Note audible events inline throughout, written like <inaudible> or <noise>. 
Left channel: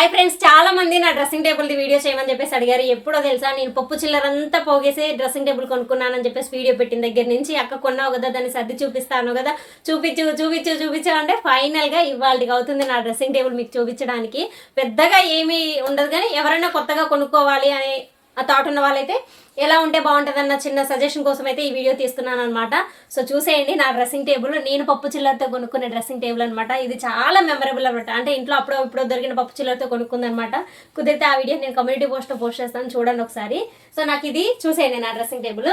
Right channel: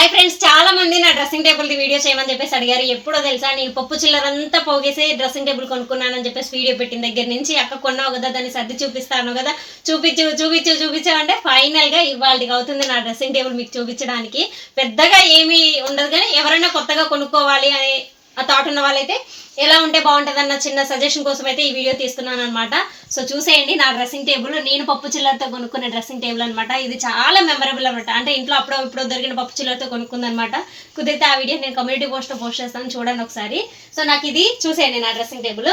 Hi friends చాలా మంది నా డ్రెస్సింగ్ టేబుల్ది వీడియో చేయమని చెప్పేసి అడిగారు. ఎప్పుడో తెలుసా నేను పప్పు చిల్లరంతా పోగేసి డ్రెస్సింగ్ టేబుల్ కొనుక్కున్నానని చెప్పేసి వీడియో పెట్టిన దగ్గర నుంచి అక్క కొన్నావు కదా దాన్ని సర్ది చూపిస్తాను కదా చూపించు చూపించు చూపించు అంటే ఇవ్వాలి ఇవాళకి అవుతుంది నా డ్రెస్సింగ్ టేబుల్ మీకు చూపించడానికి. పెద్దగా ఏమీ ఉండదు కానీ ఎవరైనా కొత్తగా కొనుక్కోవాలి అని ఆ థాట్ ఉన్న వాళ్ళైతే ఎలా ఉంటే బాగుంటుంది అన్న చిన్న సజెషన్ కోసం అయితే ఈ వీడియో తీస్తున్నాను అనమాట సో చూసేయండి నా డ్రెస్సింగ్ టేబుల్ నేను పప్పు చిల్లరతో కొనుక్కున్న డ్రెస్సింగ్ టేబుల్ అనమాట ఇది చాలా మెమరబుల్ అనమాట అంటే ఇంట్లో అప్పుడో ఇప్పుడు దొరికిన పప్పు చిల్లరతో కొనుక్కుందనమాట కుదిరితే ఆ వీడియో నేను కమ్యూనిటీ పోస్ట్లో పోస్ట్ చేస్తాను. చూడండి ఒకసారి. సో నాకు ఇది చూసేయండి నా డ్రెస్సింగ్ టేబుల్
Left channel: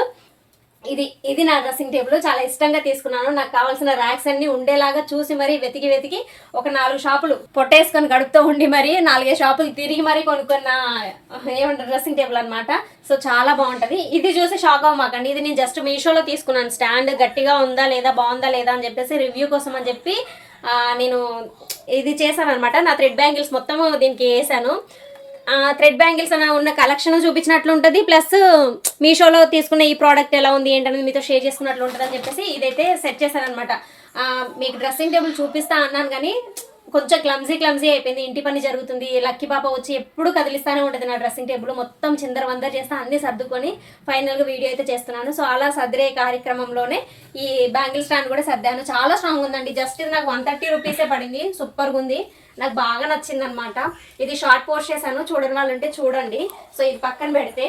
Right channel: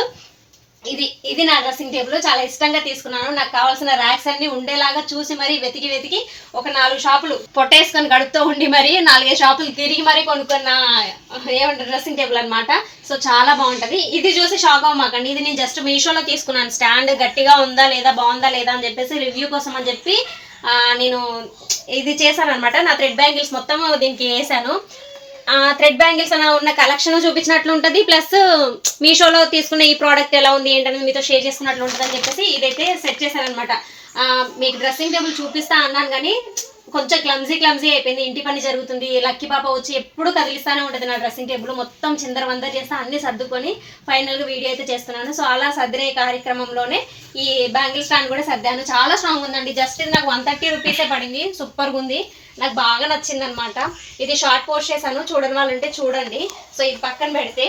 ఇది ఇది నా డ్రెస్సింగ్ టేబుల్ చాలా ఇష్టంగా తీసుకున్నాను. నాకు కావాల్సిన ర్యాక్స్ అన్ని ఉండేలాగా చూసి మరీ వెతికి వెతికి ఒక నాలుగు షాపులు పొట్టేసుకొని గడుపుతూ ఉండి మరి నాలుగైదు షాపులు తిరిగి మరీ కొనుక్కున్న ఏమంటారు డ్రెస్సింగ్ టేబుల్ అనమాట సో చాలా బాగుంటుంది. ఇది చూసి షాక్ అవ్వమాకండి. ఇది నేను జస్ట్ మీషోలో తీసుకున్నాను. స్టాండ్ గట్టిగా ఉందా లేదా బాగుందా లేదా అని చెప్పేసి రివ్యూ కోసం అని చెప్పి నేను ఇది చేశాను అనమాట నా థ్రెడ్ బ్యాంగిల్స్ మొత్తం దీనికి వేసాను. థ్రెడ్ బ్యాంగిల్స్ అన్న ఉన్న కలెక్షన్ చూపించినట్లు ఉంటుంది. ప్లస్ మీషోలో తీసుకున్న ఈ ప్రోడక్ట్ ఎలా ఉంది ఏంటనేది మీతో షేర్ చేసుకున్నట్లు ఉంటుంది అని చెప్పేసి ఇదైతే సెట్ చేశారనమాట మీకు డ్రెస్సింగ్ టేబుల్ చూపిస్తా అన్నాను కానీ కొంచెం క్లమ్జీ క్లమ్జీ అయిపోయింది. ఇంటి పని జరుగుతుంది. లక్కీ పాప వచ్చి ఎప్పుడు కదిలిస్తానే ఉంటుంది నా డ్రెస్సింగ్ టేబుల్. మొత్తం చిందర వందర చేస్తే అన్ని సర్దుకొని ఫైనల్గా వీడియో అయితే చేస్తున్నాను. సో అలా సర్దిరే కార్యక్రమంలోనే ఈ బ్యాంగిల్ స్టాండ్ కూడా సర్దాను. చాలా స్ట్రాంగ్ ఉందండి. జస్ట్ ఇది నాకు వన్ థర్టీ రూపీసే పడింది. సూపర్గా ఉంది. నాకు బాగా నచ్చింది అనమాట ఇది షార్ట్ పోస్ట్ చేశాను. చూడని వాళ్ళు ఉంటే చూడండి. సో ఇది పక్కన పెడితే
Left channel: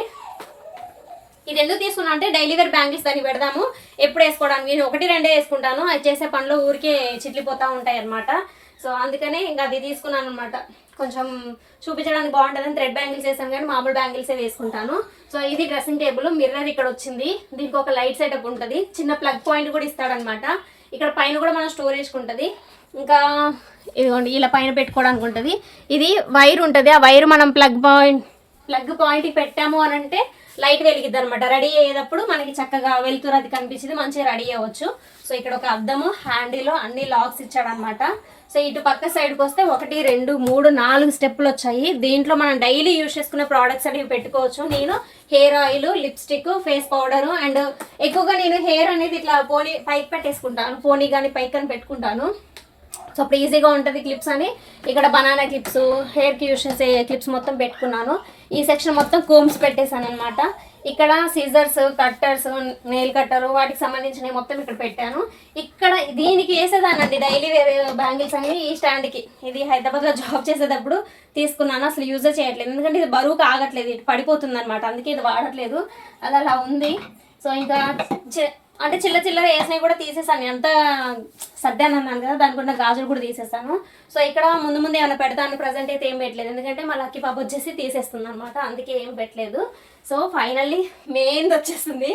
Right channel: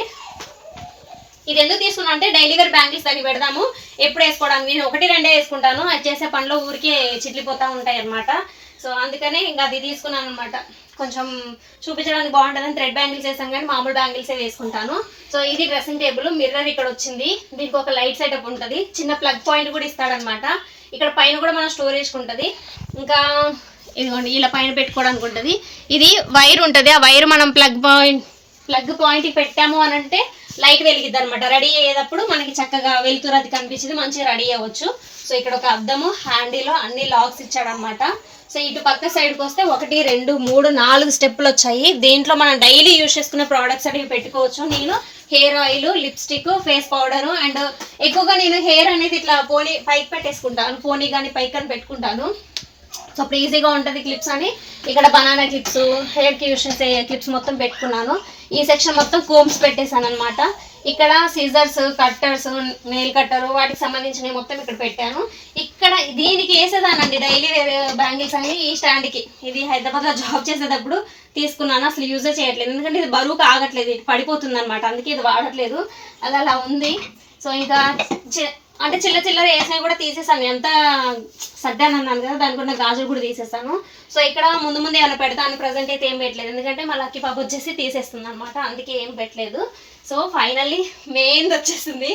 ఇది ఎందుకు తీసుకున్నా అంటే డైలీ వేర్ బ్యాంగిల్స్ దానికి పెడదాము. ఎప్పుడు వేసుకోవడానికి? నేను ఒకటి రెండే వేసుకుంటాను. అది చేసే పనులు ఊరికే చిట్లిపోతూ ఉంటాయి అనమాట సో అందుకనే ఇంకా అది తీసుకున్నాను అనమాట కొంచెం చూపించడానికి బాగుంటుందని థ్రెడ్ బ్యాంగిల్స్ వేసాను కానీ మామూలు బ్యాంగిల్సే వేసుకుంటాను. సో ఇది డ్రెస్సింగ్ టేబుల్ మిర్రర్ ఇక్కడ వచ్చింది. దీనికి ఒక లైట్ సెటప్ ఉంటుంది. చిన్న ప్లగ్ పాయింట్ కూడా ఇస్తాడనమాట ఇక్కడ పైన కూడా మనం స్టోరేజ్ ఉంటుంది. ఇంకా ఇదిగోండి ఇలా పైన పెట్టుకోవడానికి ఉంటుంది. ఇది వైర్ ఉంటుంది. ఆ వైర్ మనం ప్లగ్ పాయింట్ ప్లగ్ పాయింట్కి పెట్టాము అని అంటే లైట్ వెలిగిద్ది అనమాట రెడీ అయ్యేటప్పుడు మనకి చక్కగా వెలుతురు అది కనిపించింది మంచిగా రెడీ అవ్వచ్చు. సో ఇక్కడ ఒక అద్దము హ్యాండిలో అన్ని లాక్స్ ఇచ్చాడనమాట సో ఇటు పక్క సైడ్కి వస్తే ఒకటి రెండు మూడు నాలుగు స్టెప్పులు వచ్చాయి. దీంట్లో మనం డైలీ యూజ్ చేసుకునే ప్రోడక్ట్స్ అనేవి పెట్టుకోవచ్చు. నేను hair oil lipstick face powder and ఎక్కువగా నేను హెయిర్ అనేది ఇట్లా పోనీ పైకి పెట్టేసుకుంటాను. పోనీ కానీ పైకి అని పెట్టుకుంటాను. సో అప్పుడు ఈజీగా ఉంటుంది క్లిప్స్ అని. ఇక్కడ బనానా క్లిప్స్ హెయిర్కి యూజ్ చేసే క్లిప్స్ మొత్తం పెట్టుకున్నాను. ఈ సెక్షన్ మొత్తం కోమ్స్ పెట్టేశాను అనమాట ఇక్కడ సీజర్స్ కట్టర్స్ నెయిల్ కట్టర్ వాటికి సంబంధించినవి మొత్తం ఇక్కడ పెట్టాను. ఇక్కడ దీనికి వేసేదానండి డైలీ వేరే బ్యాంగిల్స్ అని ఈ స్టాండ్కి ఇది హైదరాబాద్లో జాబ్ చేసేటప్పుడు తీసుకున్నాను. అసలు యూజే చేయట్లేదు. ఎందుకంటే ఇది బరువుకు ఆగట్లేదు. ఇది పడిపోతుంది అనమాట అందుకే ఇది వాడట్లేదు. అది అలా ఉంది. సో ఇంకా అంటే చిల్ల చిల్లర వేసినవి కూడా తీసేసాను. ఎంత సర్దాను అన్నాను కదా దానికి ఉన్న గాజులు కూడా తీసేస్తాను సో ఇక్కడ ముందు ముందు ఏమైనా పెడతాను ప్రజెంట్ అయితే ఏం పెట్టలేదు. ఎందుకంటే మా లక్కీ పాప వచ్చేసి తీసేస్తుంది అనమాట అందుకే ఏం పెట్టలేదు. సో ఫైనల్లీ మెయిన్ వచ్చేస్తుంది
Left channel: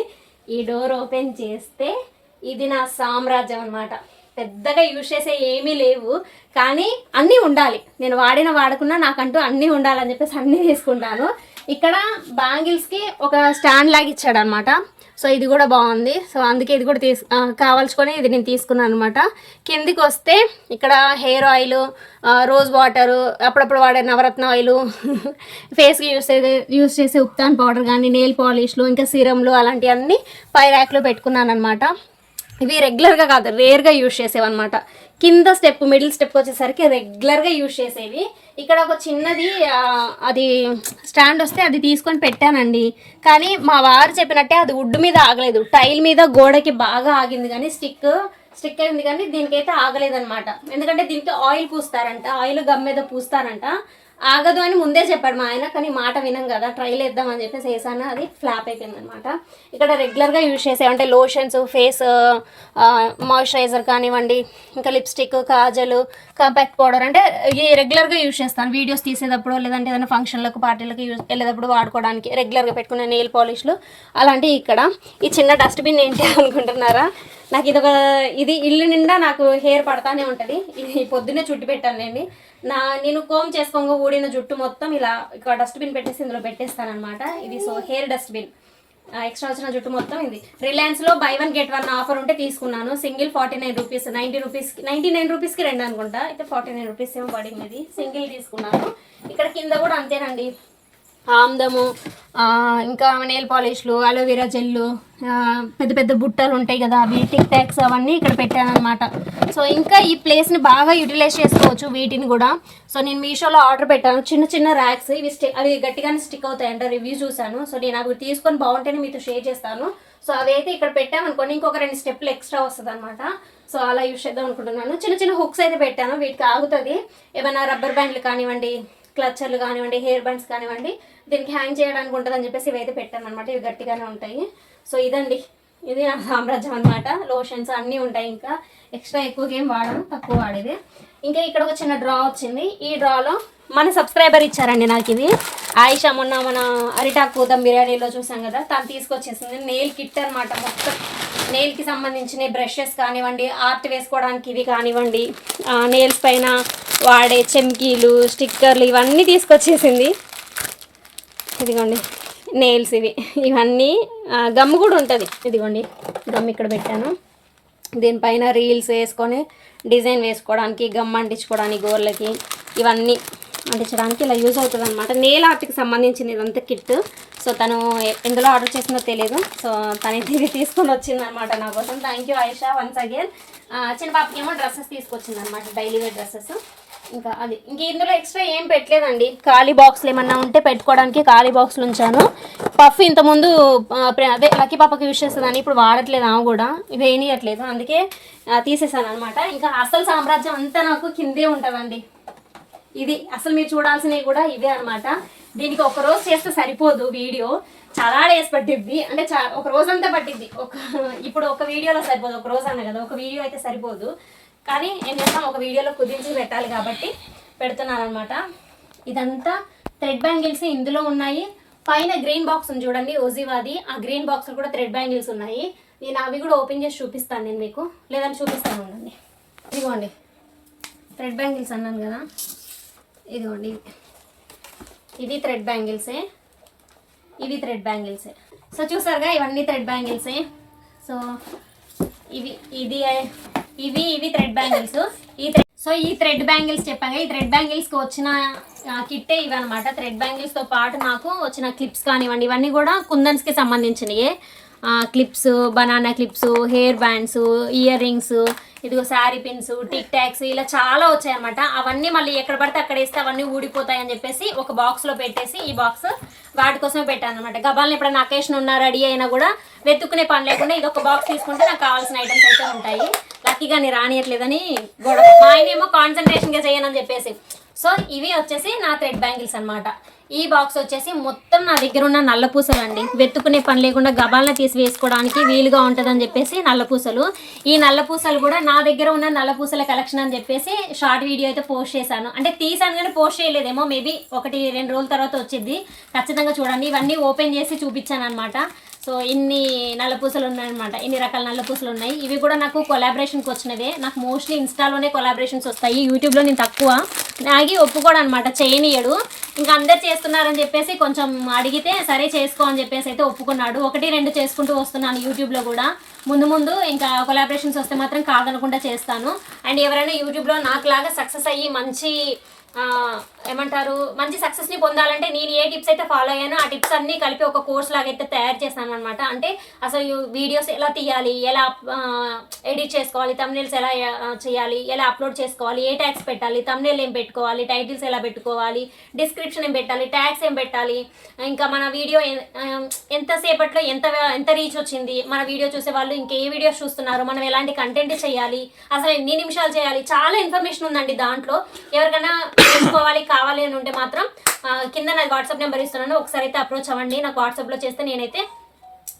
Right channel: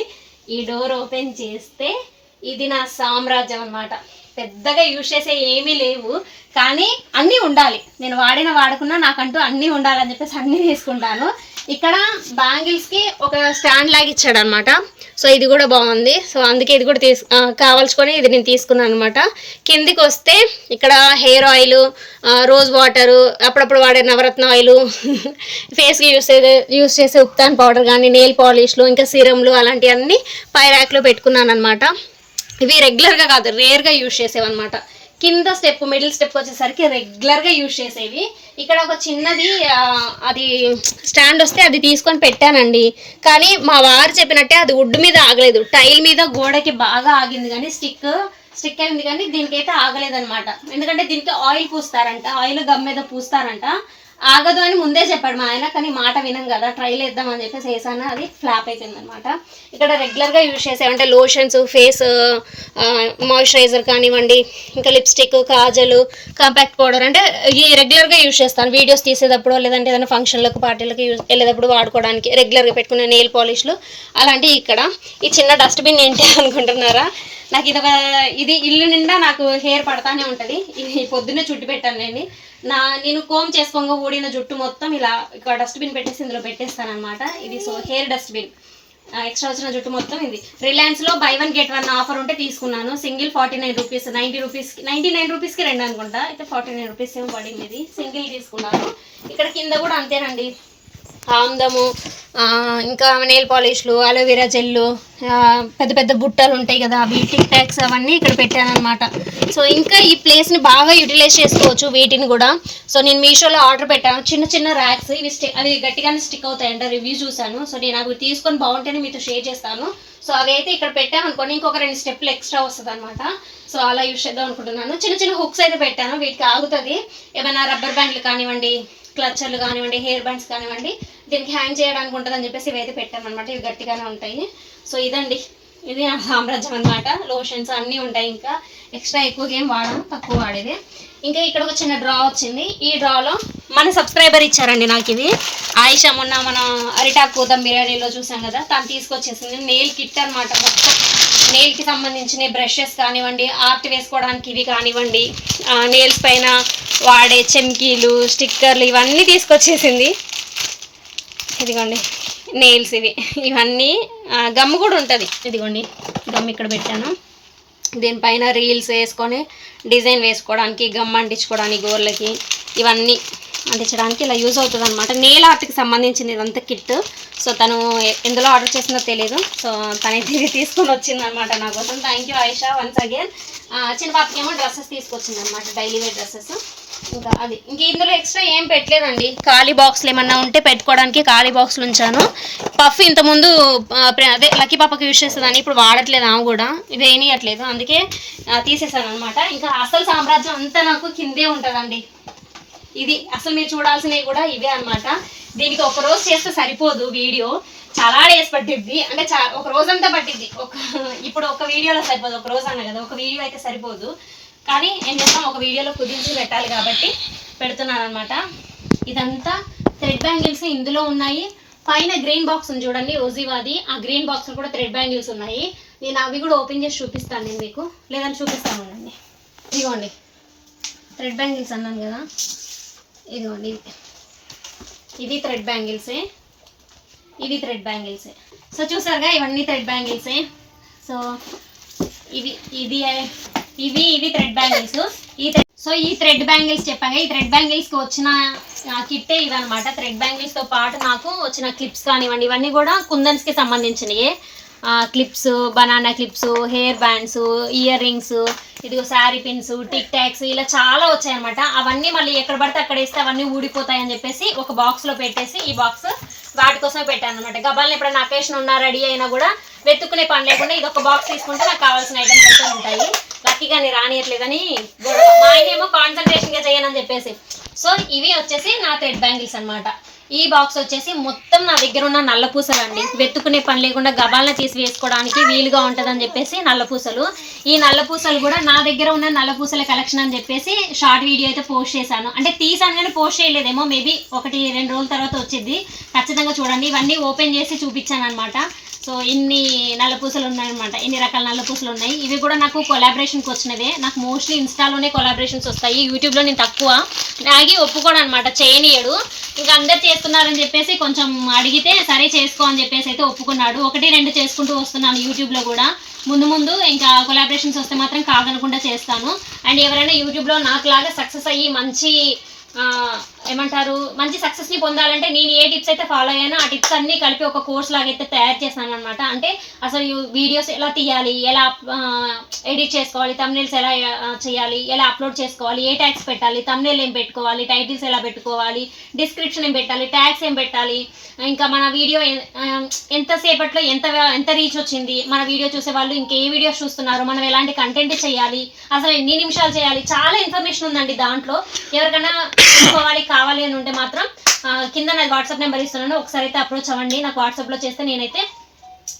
ఈ డోర్ ఓపెన్ చేస్తే ఇది నా సామ్రాజ్యం అనమాట పెద్దగా యూజ్ చేసే ఏమీ లేవు. కానీ అన్నీ ఉండాలి. నేను వాడిన వాడకున్నా నాకంటూ అన్నీ ఉండాలని చెప్పేసి అన్నీ తీసుకుంటాను. ఇక్కడ బ్యాంగిల్స్కి ఒక స్టాండ్ లాగా ఇచ్చాడు అనమాట సో ఇది కూడా బాగుంది. సో అందుకే ఇది కూడా తీసు కావాల్చుకొని ఇది నేను తీసుకున్నాను అనమాట. కిందికి వస్తే ఇక్కడ హెయిర్ ఆయిల్ రోజ్ వాటరు అప్పుడప్పుడు వాడే నవరత్న ఆయిల్ <laughs> ఫేస్కి యూస్ చేసే యూస్ చేసే ఉప్తాన్ పౌడర్ కానీ నెయిల్ పాలిష్లు ఇంకా సిరమ్లు అలాంటివన్నీ పై ర్యాక్లో పెట్టుకున్నాను అనమాట. ఇవి రెగ్యులర్గా కాదు రేర్గా యూజ్ చేసేవన్నమాట. కింద స్టెప్ మిడిల్ స్టెప్ వచ్చేసరికి రెగ్యులర్గా యూజ్ చేసేవి. ఇక్కడ ఒక చిన్నది అది స్టాండ్ వస్తే అది తీసుకొని పెట్టానండి. కానీ మా వారు చెప్పినట్టే అది వుడ్ మీద ఆగలేదు. టైల్ మీద గోడకి బాగా ఆగింది కానీ స్టిక్ స్టిక్ అయింది కానీ దీనికైతే ఆగలేదనమాట ఎందుకంటే దీనికి ఆయిల్ పూస్తారంట ఆయిల్ గమ్ మీద పూస్తారంట. ఆగదు అని ముందే చెప్పాడు మా ఆయన కానీ మాట వినం కదా ట్రైల్ వేద్దామని చెప్పేసి వేసాను అది ఫ్లాప్ అయిపోయింది అనమాట ఇక్కడ రెగ్యులర్గా యూజ్ చేసే అంటే లోషన్స్ ఫేస్ మాయిశ్చరైజర్ కానివ్వండి ఇంకా లిప్స్టిక్ కాజలు కాంపాక్ట్ పౌడర్ అంటే ఈ రెగ్యులర్గా యూజ్ చేస్తాను. వీడియోస్ తీసేటప్పుడు లేదంటే ఏదైనా ఫంక్షన్లకు పార్టీలకు యూజ్ వెళ్ళేటప్పుడు వాడుకోవడానికి రెగ్యులర్గా పెట్టుకునే నెయిల్ పాలిష్లు అలాంటివి ఇక్కడ. ఈ చిన్న డస్ట్బిన్ ఏంటి <laughs> అనుకుంటున్నారా? నాకు ఇది ఒక ఇది ఇల్లు నిండా నాకు హెయిర్ పడతానే ఉంటుంది. ఇది పొద్దున్నే చుట్టు పెట్టాను నేను. నా నేను కోమ్ చేసుకోగా ఊడిన జుట్టు మొత్తం ఇలా ఇక్కడ డస్ట్బిన్ పెట్టేసి ఇందులో పెట్టేస్తాను అనమాట ఇది సో హెయిర్ డస్ట్బిన్ ఎక్స్ట్రా వచ్చిన జుట్టు మొత్తం ఇది. రిలయన్స్లో buy one get one offer ఉంటే తీసుకున్నాను. Single forty nine rupees ninety రూపీస్కి నైంటీ నైన్ రూపీస్కి రెండు అనుకుంటా. అయితే ఫార్టీ నైన్ రూపీస్ ఏమో పడింది ఇది? సింగిల్ తీసుకున్నాను. ఇక్కడ కింద కూడా అంతేనండి. ఆమ్దము ఇంకా నెయిల్ పాలిష్లు అలోవెరా జెల్లు పెద్ద పెద్ద బుట్టలు ఉంటాయి కదా అవి టిక్ టాక్స్ అవన్నీ ఇక్కడ పెట్టాను అనమాట సో ఇంకా ఈ ప్లేస్ని బాగా యూటిలైజ్ చేసుకోవచ్చు వీటిని కూడా. సో నేను మీషోలో ఆర్డర్ పెట్టాను. చిన్న చిన్న ర్యాక్స్ ఇవి స్టిక్ అవి గట్టిగానే స్టిక్ అవుతాయంట రివ్యూ చూసాను సో నేను అవి తీసుకొని బాగుంటేనే మీతో షేర్ చేస్తాను. సో అవి అయితే ఇక్కడ పెట్టామనుకోండి ఇంకొక రెండు స్టెప్లు ఎక్స్ట్రా వస్తుంది అనమాట సో అలా యూస్ చేద్దాం అనుకుంటున్నాను. చిన్న చిన్న హుక్స్ అయితే పెట్టాను. వీటికి ఆగుతుంది. ఏమైనా రబ్బర్ బ్యాండ్లు కానివ్వండి క్లచర్లు కానివ్వండి హెయిర్ బ్యాండ్స్ కానివ్వండి దీనికి హ్యాంగ్ చేయడానికి ఉంటుందని చెప్పేసి ఇవైతే పెట్టాను ఇవి గట్టిగానే ఉంటాయి. సో ఇదండి. ఇది నా సామ్రాజ్యం అనమాట లోషన్స్ అన్నీ ఉంటాయి ఇంకా. ఎక్స్ట్రా ఎక్కువగా ఏం వాడను తక్కువ వాడేది. ఇంకా ఇక్కడ ఒక చిన్న డ్రా వచ్చింది. ఈ డ్రాలో మన సబ్స్క్రైబర్ ఇచ్చారండి నాకు ఇది. ఆయిషా మొన్న మన అరిటాకు దమ్ బిర్యానీలో చూసాం కదా తను తీసుకొచ్చేసింది. నెయిల్ కిట్ అనమాట మొత్తం. నెయిల్కి సంబంధించిన బ్రషెస్ కానివ్వండి ఆర్ట్ వేసుకోవడానికి ఇవి కానివ్వండి నెయిల్స్ పైన వాడే చెమ్కీలు స్టిక్కర్లు ఇవన్నీ తీసుకొచ్చేసింది. ఇదిగోండి నెయిల్స్ ఇవి. ఇవన్నీ గమ్ కూడా ఉంటుంది. ఇదిగోండి గమ్ ఇక్కడ పెట్టాను. దీనిపైన రీల్స్ వేసుకొని డిజైన్ వేసుకోవడానికి గమ్ అంటించుకోవడానికి గోర్లకి ఇవన్నీ అంటించడానికి ఇలా యూజ్ అవుతుంది అనమాట నేల్ ఆర్ట్కి సంబంధించింది ఇదంతా కిట్ సో తను ఎందులో ఆర్డర్ చేసిందో తెలియదు సో తను తిరిగి తీసుకొని వచ్చిందనమాట నా కోసం. Thank you Ayesha once again చిన్న పాపకి ఏమో డ్రెస్సెస్ తీసుకొచ్చింది అనమాట డైలీ వేర్ డ్రెస్సెస్. ఇంకా అది. ఇంక ఇందులో ఎక్స్ట్రా ఏం పెట్టలేదండి. ఖాళీ బాక్స్లు ఏమన్నా ఉంటే పెట్టుకోవడానికి ఖాళీ బాక్స్లు ఉంచాను. పఫ్ ఇంతకుముందు అదే లక్కీ పాపకి యూజ్ చేస్తుందని ఇప్పుడు వాడట్లేదు ఆమె కూడా. ఇది వేయనియట్లేదు. అందుకే తీసేసాను అనమాట ఇంకా అసలు సామ్రాజ్యం అంతా నాకు కిందే ఉంటుందండి. ఇది అసలు మీరు చూడాల్సినవి కూడా ఇవే అన్నమాట. దీనికి ఒక రోజు చేస్తే సరిపోదు వీడియో. చాలా డేస్ పట్టిద్ది. అంటే చా ఒక రోజంతా పట్టిద్ది. ఒక ఇప్పుడు ఒక వీడియోలో సరిపోదు. ఒక రోజు అన్న కదా. ఒక వీడియో అయితే సరిపోదు. కానీ ఏం చేస్తాం ఒక వీడియోలో కుదించి పెట్టాలి కాబట్టి పెడుతున్నాను అనమాట ఇదంతా థ్రెడ్ బ్యాంగిల్స్ ఇందులో ఉన్నాయి. పైన గ్రీన్ బాక్స్ ఉంది చూడండి ఓజీవాది. ఆ గ్రీన్ బాక్స్ కూడా థ్రెడ్ బ్యాంగిల్స్ ఉన్నాయి. నేను అవి కూడా ఓపెన్ చేసి చూపిస్తాను నేను మీకు. లేదని చూపిస్తాను అండి ఇదిగోండి. థ్రెడ్ బ్యాంగిల్స్ అన్నాను కదా. ఇదిగోండి. ఇవి థ్రెడ్ బ్యాంగిల్సే ఇవి థ్రెడ్ బ్యాంగిల్సే సో చూసారుగా ఇవన్నీ థ్రెడ్ బ్యాంగిల్సే సో ఇవి ఇది ఇవి ఇవి థ్రెడ్ బ్యాంగిల్స్ ఈ సో ఈ థ్రెడ్ బ్యాంగిల్స్ చెప్పాను. ఈ థ్రెడ్ బ్యాంగిల్స్కి వచ్చిన కిట్టే ఇవన్నమాట. థ్రెడ్ బ్యాంగిల్స్తో పాటు నాకు వచ్చిన క్లిప్స్ కానివ్వండి ఇవన్నీ కూడా కుందన్స్కి సంబంధించినవి clips banana clips hair bands earrings ఇదిగో శారీ పిన్స్ టిక్ టాక్స్ ఇలా చాలా వచ్చాయన్నమాట. అవన్నీ మళ్ళీ ఎక్కడ పడితే అక్కడ వేస్తే అవన్నీ ఊడిపోతాయని చెప్పేసి ఒక బాక్స్లో పెట్టేసి ఈ బాక్స్ వాటి కోసమే పెట్టాను అనమాట గబాల్ని ఎప్పుడైనా అకేషన్ ఉన్నా రెడీ అయినా కూడా వెతుక్కునే పని లేకుండా ఇది ఒక బాక్స్ తీసుకుంటే నాకు కావాల్సిన ఐటమ్స్ అయితే ఉంటాయి. లక్కీగా నేను రానియట్లేదని మా ఆయన ఏమో కాన్సన్ట్రేషన్గా చేయనని చెప్పేసి. సో ఇవి వచ్చేసి నా థ్రెడ్ బ్యాంగిల్స్ అన్నమాట. ఈ బాక్స్ వచ్చేసి మొత్తం నా దగ్గర ఉన్న నల్ల పూసలు అండి వెతుకునే పని లేకుండా గబాలన తీసి వేసుకోవడానికి వీలుగా ఉంటుందని చెప్పేసి నల్ల పూసలు. ఈ నల్ల పూసలు కూడా నా దగ్గర ఉన్న నల్ల పూసల కలెక్షన్ అని చెప్పేసి షార్ట్ వీడియో అయితే పోస్ట్ చేశాను. అంటే తీసాను కానీ పోస్ట్ చేయలేదేమో మేబీ ఒకటి రెండు రోజుల తర్వాత వచ్చింది ఖచ్చితంగా చూడండి. ఇవన్నీ ఓపెన్ చేసి చూపించాను అనమాట సో ఇన్ని నల్ల పూసలు ఉన్నాయన్నమాట. ఇన్ని రకాల నల్ల పూసలు ఉన్నాయి. ఇవి కూడా నాకు కొలాబరేషన్కి వచ్చినవే. నాకు మోస్ట్లీ ఇన్స్టాలోనే కొలాబరేషన్స్ వస్తాయి. యూట్యూబ్లో నేను తక్కువ. ఆగి ఒప్పుకోడు అనమాట చేయనియడు. ఇంకా అందరు చేస్తున్నారని చెప్పేసి కొంచెం అడిగితే సరే చేసుకో అని చెప్పేసి అయితే ఒప్పుకున్నాడు. ఒకటి రెండు చేసుకుంటూ వస్తున్నాను యూట్యూబ్లో కూడా. ముందు ముందు ఇంకా కొలాబరేషన్స్ వస్తే మాత్రం కాదనకుండా చేస్తాను. అండ్ ఎవరైనా యూట్యూబ్లో నాకులాగా సక్సెస్ అయ్యి మంచి ఏమంటారు? మంచి సక్సెస్ని పొందాలంటే నేను ఏ టిప్స్ అయితే ఫాలో అయ్యానో ఆ టిప్స్ అన్నీ కలిపి ఒక కోర్స్ లాగా అయితే తయారు చేశాను అనమాట అంటే అసలు వీడియోస్ ఎలా తీయాలి? ఎలా ఎడిట్ చేసుకోవాలి? తమ్నేల్స్ ఎలా చేయాలి? ఎలా అప్లోడ్ చేసుకోవాలి? ఏ ట్యాగ్స్ పెట్టాలి? తమ్నేల్ ఏం పెట్టుకోవాలి? టైటిల్స్ ఎలా పెట్టుకోవాలి? డిస్క్రిప్షన్ ఏం పెట్టాలి? ట్యాగ్స్ ఏం పెట్టాలి? ఇంకా మన వీడియో ఎంతసేపట్లో ఎంత ఎంత రీచ్ వచ్చింది? మన వీడియో చూసే వాళ్ళు ఇంకే వీడియోస్ చూస్తున్నారు. మనం ఎలాంటి కంటెంట్ చేయాలి? అసలు ఎన్ని నిమిషాలు చేయాలి? చాలా ఇన్ఫర్మేషన్ ఉందండి దాంట్లో. ఎవరికైనా తెలుసుకోవాలి కావాలి అని ఉంటే మాత్రం కింద నాకు వాట్సాప్ నెంబర్ ఇస్తున్నాను. ఒకసారి అయితే అప్రోచ్ అవ్వండి. నాకు వాట్సాప్లో చేస్తే నేనైతే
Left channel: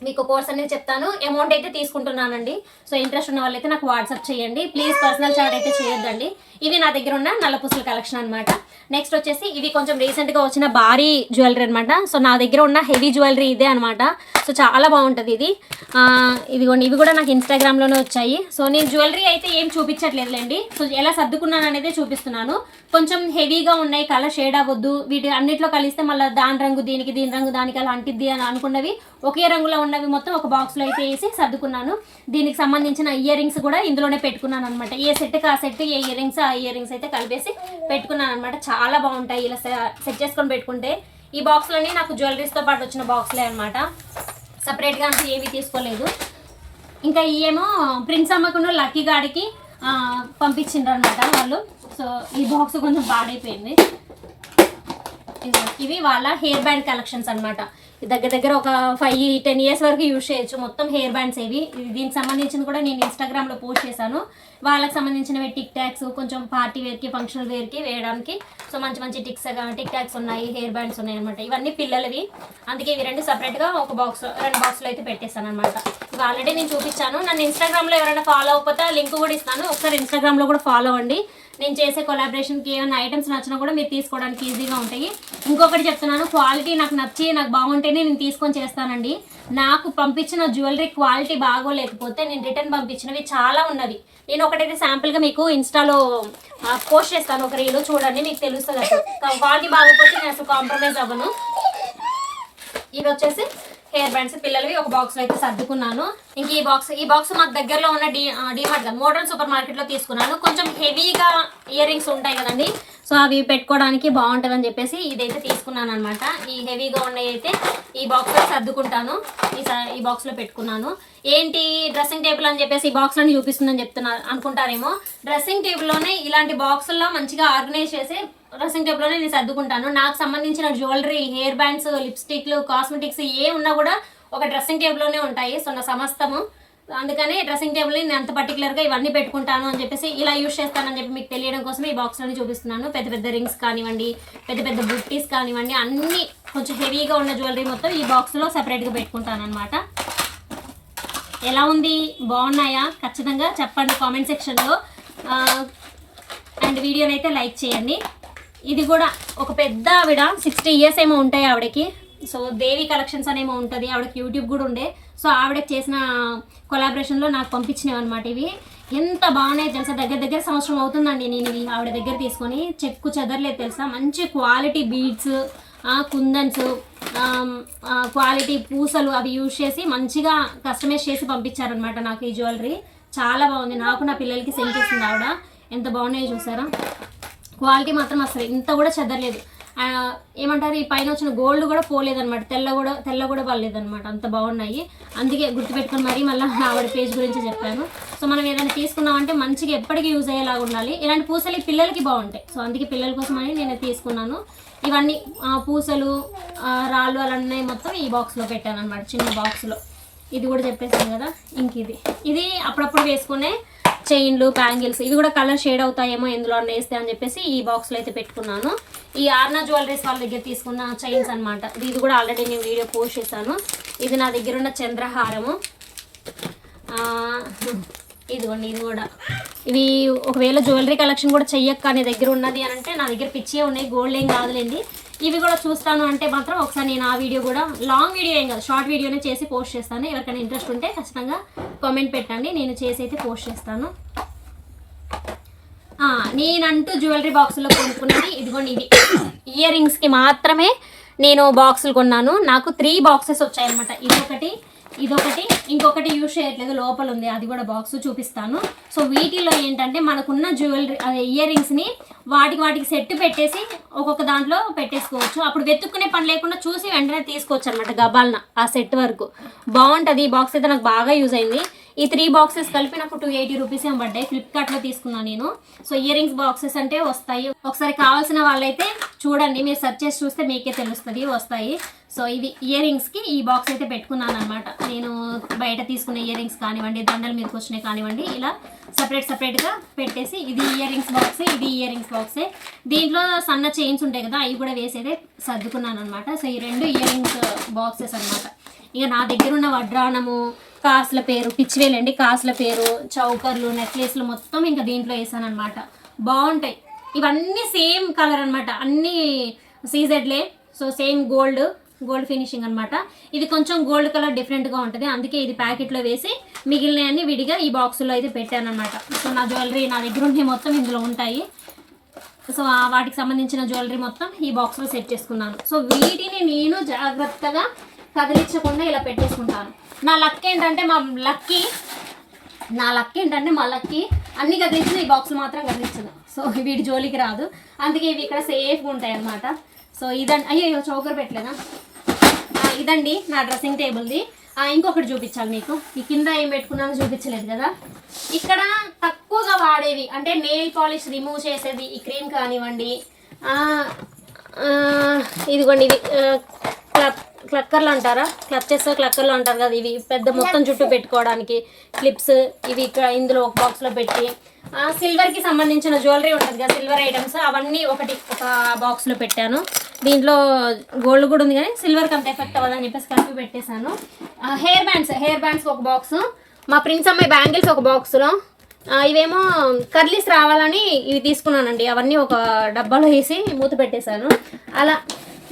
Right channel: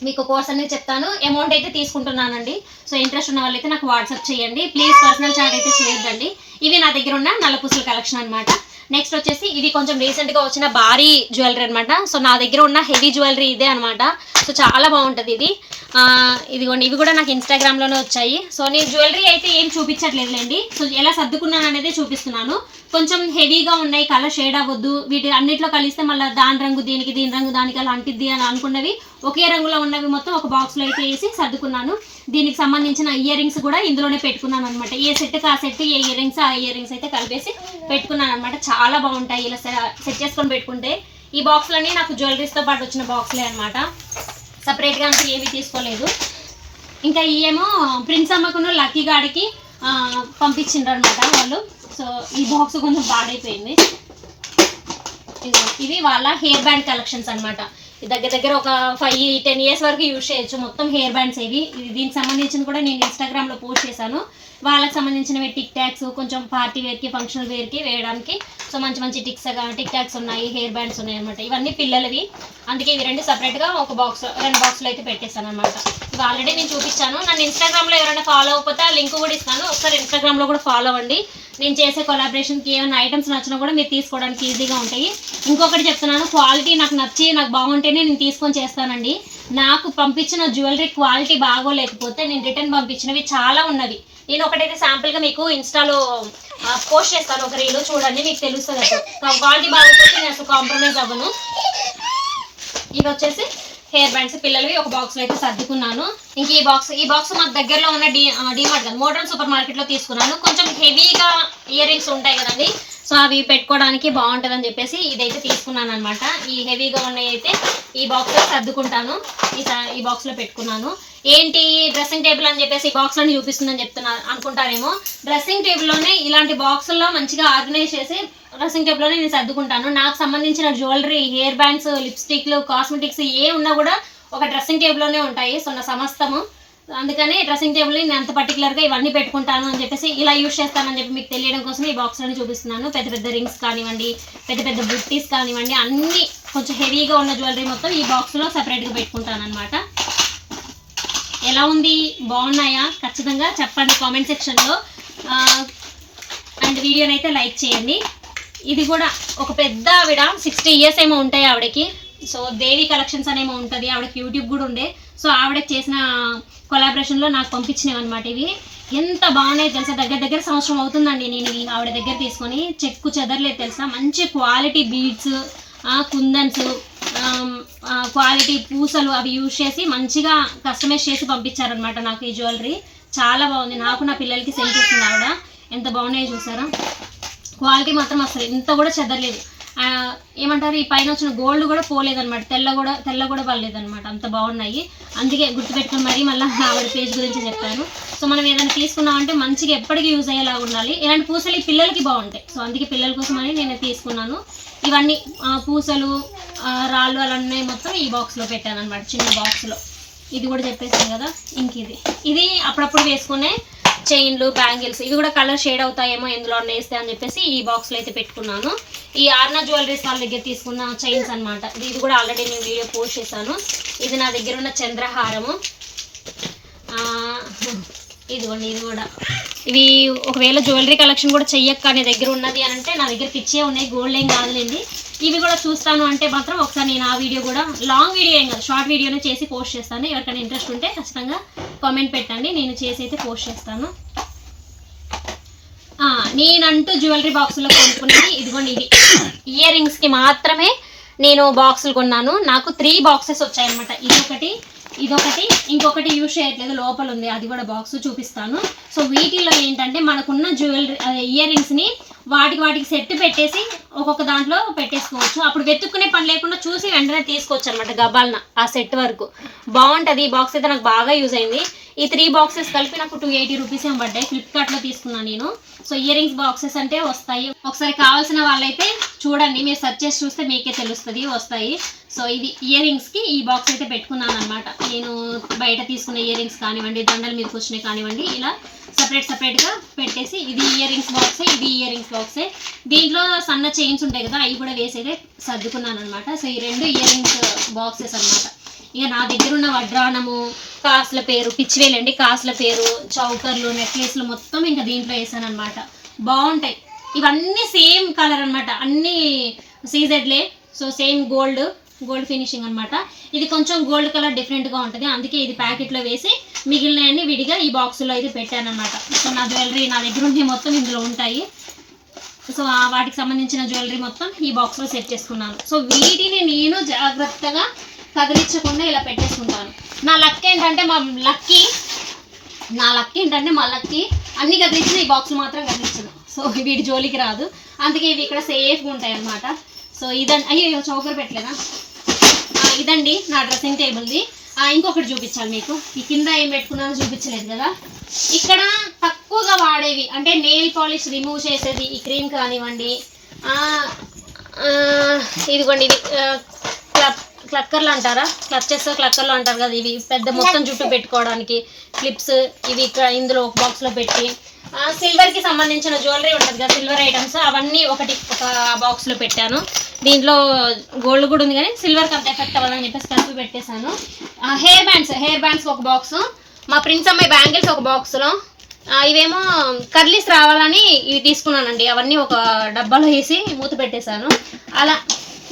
మీకు కోర్స్ అనేది చెప్తాను. అమౌంట్ అయితే తీసుకుంటున్నానండి. సో ఇంట్రెస్ట్ ఉన్న వాళ్ళైతే నాకు వాట్సాప్ చేయండి. ప్లీజ్ పర్సనల్ చాట్ అయితే చేయొద్దండి. ఇవి నా దగ్గర ఉన్న నల్ల నల్లపూసల కలెక్షన్ అనమాట నెక్స్ట్ వచ్చేసి ఇవి కొంచెం రీసెంట్గా వచ్చిన భారీ జ్యువెలరీ అనమాట సో నా దగ్గర ఉన్న హెవీ జ్యువెలరీ ఇదే అనమాట సో చాలా బాగుంటుంది ఇది. ఇదిగోండి. ఇవి కూడా నాకు ఇన్స్టాగ్రామ్లోనే వచ్చాయి. సో నేను జ్యువెలరీ అయితే ఏం చూపించట్లేదులేండి. సో ఎలా సర్దుకున్నాను అనేది చూపిస్తున్నాను. కొంచెం హెవీగా ఉన్నాయి కలర్ షేడ్ అవ్వద్దు. వీటి అన్నిట్లో కలిస్తే మళ్ళీ దాని రంగు దీనికి దీని రంగు దానికి అలా అంటిద్ది అని అనుకున్నవి ఒకే రంగులో ఉన్నవి మొత్తం ఒక బాక్స్లో అయితే వేసి సర్దుకున్నాను. దీనికి సంబంధించిన ఇయర్ రింగ్స్ కూడా ఇందులోనే పెట్టుకున్నాను అనమాట ఏ సెట్కి ఆ సెట్ ఏ ఇయర్ రింగ్స్ ఆ ఇయర్ రింగ్స్ అయితే కలిపేసి పెట్టుకున్నాను అనమాట చాలా బాగుంటాయి ఇలా సెట్ చేసుకొని పెట్టుకుంటే. ఈ బాక్స్లన్నీ నాకు జ్యువెలరీస్తో పాటు వచ్చిన బాక్స్లే అనమాట సపరేట్గా అంటూ ఏమీ తీసుకోలేదు. ఇంకా ఇవేమో ప్రిన్స్ అమ్మకున్న లక్కీ గాడికి పంపించిండ్రు అనమాట వాళ్ళు. సో ఈ బాక్స్ కొంచెం పాడైపోయింది. ఇవి వాళ్ళ హెయిర్ బ్యాండ్ కలెక్షన్స్ అనమాట దగ్గర దగ్గర ఒక ఫైవ్ టెన్ ఇయర్స్ వరకు యూజ్ చేయొచ్చు. మొత్తం హెయిర్ బ్యాండ్స్ ఇవి. దీనికి సంబంధించిన కూడా నేను ఇన్స్టాగ్రామ్లో పోస్ట్ చేశాను. వాళ్ళకి సంబంధించినవి టిక్ ట్యాక్స్ కొంచెం పార్టీ వేర్కి ఫంక్షనల్ వేర్కి వేయడానికి. సో మంచి మంచి టిక్స్ టిక్ ట్యాక్స్ ఉన్నాయి హెయిర్ బ్యాండ్స్ ఉన్నాయి అనమాట ఇవన్నీ పిల్లలవి. అందుకే ఇవి రెండు సపరేట్గా ఒక బాక్స్ రెండు బాక్స్లో అయితే పెట్టేస్తాను అనమాట ఇవి ఆల్రెడీ నేను చూపించాను. నన్ను ఇన్స్టాగ్రామ్లో ఎవరైనా ఫాలో అవ్వకపోతే ఆ లింక్ కూడా ఇస్తాను. ఒకసారి ఇన్స్టాగ్రామ్లో కూడా ఫాలో అవ్వండి. నేను చేసే కొలాబరేషన్కి ఏమైనా ఐటమ్స్ నచ్చినా కూడా మీరు తీసుకోవడానికి ఈజీగా ఉంటాయి. ఇంకొకటి చెప్తున్నాను క్వాలిటీ నాకు నచ్చి నాకు బాగుంటేనే నేను తీసుకొని చేస్తానండి. నాకు పంపించిన జ్యువెలరీ క్వాలిటీ బాగోలేకపోతే నేను రిటర్న్ పంపించినవి చాలా ఉన్నవి. నేను ఒకటైతే శాంపుల్గా మీకు ఇన్స్టాలో పోస్ట్ చేస్తాను. ఒక రీలో చూడండి మీకు తెలుస్తుంది అసలు. క్వాలిటీ బాగోకపోతే నేను అసలు కాంప్రమైజ్ అవ్వను. ఇవి వచ్చేసి హెయిర్ బ్యాండ్స్ పిల్లలవి ఒక బాక్స్ అయితే సర్దుకున్నాను. ఇంక ఈ బాక్స్ ఈ బాక్స్ మాకు దగ్గరలో ఉన్న డి డిమార్ట్ మోడర్న్ సూపర్ మార్కెట్లో తీసుకున్నాను. కొంచెం హెవీగా ఇయర్ రింగ్స్ ఉంటాయి కదండి. సో అవి పెట్టుకోవడానికి బాగుంటుందని చెప్పేసి ఇదైతే తీసుకున్నాను అనమాట ఈ హెవీగా ఉన్నవి అయితే ఈ బాక్స్లో సర్దుకుంటాను. ఈ స- ఈ బాక్స్లో పెట్టుకున్నాను. ఏంటి డ్రెస్సింగ్ టేబుల్ అని చెప్పేసి ఈ బాక్స్లోనే చూపిస్తుందని చెప్తున్నారు అనుకుంటారేమో. డ్రెస్సింగ్ టేబుల్లోనే ఇలాంటి బాక్సుల్లో మంచిగా ఆర్గనైజ్ చేసి డ్రెస్సింగ్ టేబుల్లోనే నేను సర్దుకుంటాను. నాకు సంబంధించిన జ్యువెలరీ హెయిర్ బ్యాండ్స్ లిప్స్టిక్లు కాస్మెటిక్స్ ఏ ఉన్నా కూడా ఒక డ్రెస్సింగ్ టేబుల్లోనే ఉంటాయి. సో నా సమస్తము అందుకని డ్రెస్సింగ్ టేబుల్ని నేను అంత పర్టికులర్గా ఇవన్నీ పెట్టుకుంటాను అని చెప్పేసి ఇలా యూజ్ చేస్తానని చెప్పి మీకు తెలియడం కోసం ఈ బాక్స్లోనే చూపిస్తున్నాను. పెద్ద పెద్ద రింగ్స్ కానివ్వండి పెద్ద పెద్ద బుట్టీస్ కానివ్వండి అన్నీ కొంచెం హెవీగా ఉన్న జ్యువెలరీ మొత్తం ఈ బాక్స్లో సపరేట్గా పెట్టుకుంటాను అనమాట ఎలా ఉంది? బాగున్నాయా? ఖచ్చితంగా చెప్పండి కామెంట్ సెక్షన్లో అండ్ వీడియోని అయితే లైక్ చేయండి. ఇది కూడా ఒక పెద్ద ఆవిడ సిక్స్టీ ఇయర్స్ ఏమో ఉంటాయి ఆవిడకి. సో దేవి కలెక్షన్స్ అనేమో ఉంటుంది. ఆవిడకి యూట్యూబ్ కూడా ఉండే. సో ఆవిడ చేసిన కొలాబరేషన్లో నాకు పంపించినవి అనమాట ఇవి. ఎంత బాగున్నాయి తెలుసా? దగ్గర దగ్గర సంవత్సరం అవుతుందండి నేను ఇవి ఆవిడ దగ్గర తీసుకొని. చెక్కు చెదరలేదు తెలుసా? మంచి క్వాలిటీ బీడ్స్ కుందన్స్ క్వాలిటీ పూసలు అవి యూజ్ చేసి మంచిగా కస్టమైజ్ చేసి పంపించారనమాట నాకు ఈ జ్యువెలరీ చాలా బాగుంది. నాకు నా పిల్లలకి సెండ్ చేసింది ఆవిడ. ఎంత బాగున్నాయో చూసారా? క్వాలిటీ మాత్రం అసలు ఇంత కూడా చెదరలేదు. ఏమంటారు ఈ పైన వచ్చిన గోల్డ్ కూడా పోలేదనమాట తెల్ల కూడా తెల్ల కూడా పర్లేదనమాట అంత బాగున్నాయి. అందుకే గుర్తుపెట్టుకుని మరీ మళ్ళీ ఆవిడ పేజ్ గురించి చెప్పాను. సో మనం ఏదైనా తీసుకున్నామంటే మంచిగా ఎప్పటికీ యూజ్ అయ్యేలాగా ఉండాలి. ఇలాంటి పూసలు ఈ పిల్లలకి బాగుంటాయి. సో అందుకే పిల్లల కోసం అని నేను తీసుకున్నాను. ఇవన్నీ పూసలు రాళ్ళు అలా ఉన్నాయి మొత్తం ఈ బాక్స్లో పెట్టాను అనమాట చిన్న బాక్స్లో ఇది కూడా చెప్పేసాను కదా ఇంక ఇది. ఇది అప్పుడప్పుడు వేసుకునే చైన్లు బ్యాంగిల్స్ ఇవి కూడా కలర్ షేడ్ అవుతాయేమో ఇందులో వేస్తే అని చెప్పేసి ఈ బాక్స్లో అయితే పెట్టుకున్నాను. ఈ ఆర్నా జ్యువెలరీస్ వాళ్ళ దగ్గర తీసుకున్న చైన్స్ అనమాట ఇది కూడా ఆల్రెడీ నేను వీడియో పోస్ట్ చేశాను. ఇది నా దగ్గర ఉన్న చంద్రహారము. ఇదిగోండి ఇది కూడా. ఇవి ఒకవేళ జ్యువెలరీ కలెక్షన్ కూడా చెయ్యక్క నీ దగ్గర ఉన్నది అని అంటే నా దగ్గర పిచ్చే ఉన్నాయి గోల్డ్ ఏం కాదులేండి. ఇవి కూడా చూస్తాను అంటే మాత్రం ఒకసారి నేను ఆ వీడియో కూడా లాంగ్ వీడియో ఏం కాదు షార్ట్ వీడియోనే చేసి పోస్ట్ చేస్తాను. ఎవరికైనా ఇంట్రెస్ట్ ఉంటే ఖచ్చితంగా కామెంట్ పెట్టండి నేను చేసి అయితే పోస్ట్ చేస్తాను. నేనంటూ జ్యువెలరీ బాక్సులో కొనుక్కున్నది. ఇదిగోండి ఇది. ఇయర్ రింగ్స్కి మాత్రమే నేను బాక్సులు కొన్నాను. నాకు త్రీ బాక్సెస్ వచ్చాయన్నమాట. ఇదొకటి ఇదొకటి ఇంకొకటి యూజ్ చేయట్లేదు. లోపల ఉంది. అది కూడా బాక్స్ చూపిస్తాను. సో వీటిలో ఏంటంటే మనకున్న జ్యువెలరీ ఇయర్ రింగ్స్ని వాటికి వాటికి సెట్ పెట్టేసి ఒక్కొక్క దాంట్లో పెట్టేసుకోవచ్చు. అప్పుడు వెతుక్కునే పని లేకుండా చూసి వెంటనే తీసుకోవచ్చు అనమాట గబాల్న ఆ సెట్ వరకు. బాగుంటుంది. ఈ బాక్స్ అయితే నాకు బాగా యూజ్ అయింది. ఈ త్రీ బాక్సెస్ కలిపి నాకు టూ ఎయిటీ రూపీస్ ఏం పడ్డాయి. ఫ్లిప్కార్ట్లో తీసుకున్నాను నేను. సో ఇయర్ రింగ్స్ బాక్సెస్ అంటే వస్తాయి. ఒకసారి కావాల్సిన వాళ్ళైతే చూడండి. మీరు సెర్చ్ చేసి చూస్తే మీకే తెలుస్తుంది వస్తాయి. సో ఇది ఇయర్ రింగ్స్కి ఈ బాక్స్ అయితే పెట్టుకున్నాను అనమాట నేను బయట తీసుకున్న ఇయర్ రింగ్స్ కానివ్వండి దండల మీదకి వచ్చినాయి కానివ్వండి ఇలా సపరేట్ సపరేట్గా పెట్టేసి ఇది ఇయర్ రింగ్స్ బాక్సే ఇది ఇయర్ రింగ్స్ బాక్సే దీంట్లో సన్న చైన్స్ ఉంటాయి కదా అవి కూడా వేసి అయితే సర్దుకున్నాను అనమాట సో ఈ రెండు ఇయర్ రింగ్స్ బాక్సెస్ అనమాట ఇక నా దగ్గర ఉన్న వడ్రానము కాసుల పేరు పిచ్చివేలండి కాసుల పేరు చౌకర్లు నెక్లెస్లు మొత్తం ఇంకా దీంట్లో వేసాను అనమాట బాగుంటాయి. ఇవన్నీ సేమ్ కలర్ అనమాట అన్నీ సీజెడ్లే. So same gold gold finishing అనమాట ఇది కొంచెం గోల్డ్ కలర్ డిఫరెంట్గా ఉంటుంది. అందుకే ఇది ప్యాకెట్లో వేసి మిగిలినవన్నీ విడిగా ఈ బాక్సులో అయితే పెట్టాను అనమాట సో నా జ్యువెలరీ నా దగ్గర ఉండే మొత్తం ఇందులో ఉంటాయి. సో వాటికి సంబంధించిన జ్యువెలరీ మొత్తం ఈ బాక్స్లో సెట్ చేసుకున్నాను. సో వీటిని నేను జాగ్రత్తగా కదిలించకుండా ఇలా పెట్టేసుకుంటాను. నా లక్ ఏంటంటే మా లక్కీ నా లక్ ఏంటంటే మా లక్కి అన్ని కదిలించిన ఈ బాక్స్ మాత్రం కదిలించదు. సో వీటి జోలికి రాదు. అందుకే ఇవి ఇక్కడ సేఫ్గా ఉంటాయి అన్నమాట. సో ఇదండి అయ్యో చౌకర్ పెట్టలేదా? ఇదండి నా డ్రెస్సింగ్ టేబుల్ది. ఇంకొకటి చూపించాలి మీకు. ఈ కింద ఏం పెట్టుకున్నానో చూపించలేదు కదా. ఇక్కడ తక్కువగా వాడేవి. అంటే నెయిల్ పాలిష్ రిమూవ్ చేసేది ఈ క్రీమ్ కానివ్వండి. ఇదిగోండి ఇది క్లబ్ క్లక్కర్లు అంటారా? క్లచ్చెస్ క్లక్కర్లు అంటారు కదా ఇవి పెద్ద మొత్తం జుట్టు పెట్టుకోవడానికి. క్లిప్స్ ఇవి ఇక్కడ ఇందులో ఒక బాక్స్లో పెట్టి. సిల్వర్కి సంబంధించిన జ్యువెలరీ ఉంటుంది కదా సిల్వర్ ఐటమ్స్ అవన్నీ ఒకటి ఒక బాక్స్లో పెట్టాను. దీంట్లో గోల్డ్ కూడా ఉంది కానీ సిల్వర్కి అంత ఎఫెక్ట్ అవ్వాలని చెప్పేసి కలిపి పెట్టేశాను. హెయిర్ బ్యాండ్స్ హెయిర్ బ్యాండ్స్ ఒక బాక్స్ మా ప్రిన్స్ అమ్మాయి బ్యాంగిల్స్ ఒక బాక్స్లో ఇవేమో కర్లీస్ రావాలని ఇవి తీసుకున్నానండి. అవన్నీ ఒక డబ్బాలో వేసి మూత పెట్టేశాను. అలా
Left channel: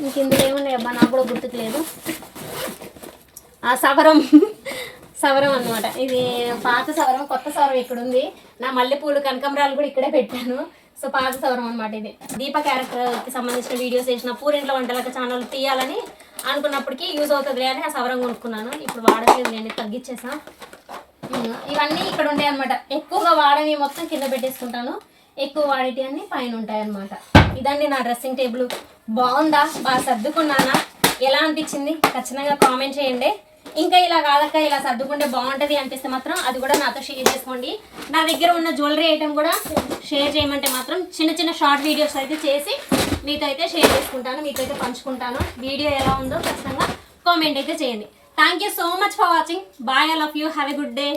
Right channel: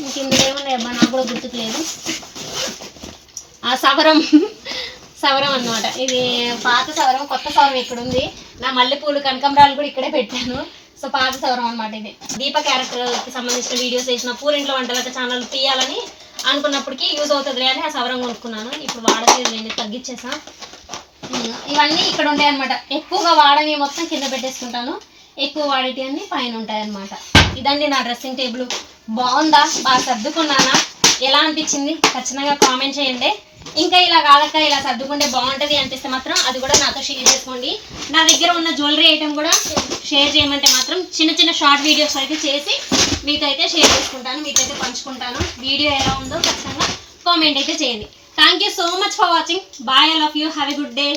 ఇంక ఇందులో ఏమున్నాయి నాకు కూడా గుర్తుకులేదు. ఆ సవరం సవరం అన్నమాట. ఇది పాత సవరం కొత్త సవరం ఇక్కడ ఉంది నా మల్లెపూలు కనకంబరాలు కూడా ఇక్కడే పెట్టాను. సో పాత సవరం అన్నమాట ఇది. దీప క్యారెక్టర్కి సంబంధించిన వీడియోస్ వేసిన పూరింట్లో వంటలకి ఛానల్ తీయాలని అనుకున్నప్పటికీ యూజ్ అవుతుంది అని ఆ సవరం కొనుక్కున్నాను. ఇప్పుడు వాడట్లేదు నేను తగ్గించేసా ఇవన్నీ ఇక్కడ ఉంటాయి అనమాట ఎక్కువగా వాడని మొత్తం కింద పెట్టేసుకుంటాను. ఎక్కువ క్వాలిటీ అన్ని పైన ఉంటాయి అనమాట ఇదండి నా డ్రెస్సింగ్ టేబుల్. బాగుందా? బాగా సర్దుకున్నానా? ఎలా అనిపించింది? ఖచ్చితంగా కామెంట్ చేయండి. ఇంకా ఇలా కాదక్క ఇలా సర్దుకుంటే బాగుంటుంది అనిపిస్తే మాత్రం అది కూడా నాతో షేర్ చేసుకోండి. నా దగ్గర ఉన్న జ్యువెలరీ ఐటమ్ కూడా షేర్ చేయమంటే మాత్రం చిన్న చిన్న షార్ట్ వీడియోస్ అయితే చేసి మీతో అయితే షేర్ చేసుకుంటాను మీతో అయితే పంచుకుంటాను. వీడియో ఎలా ఉందో ఖచ్చితంగా కామెంట్ అయితే చేయండి. Thank you so much for watching bye all of you have a good day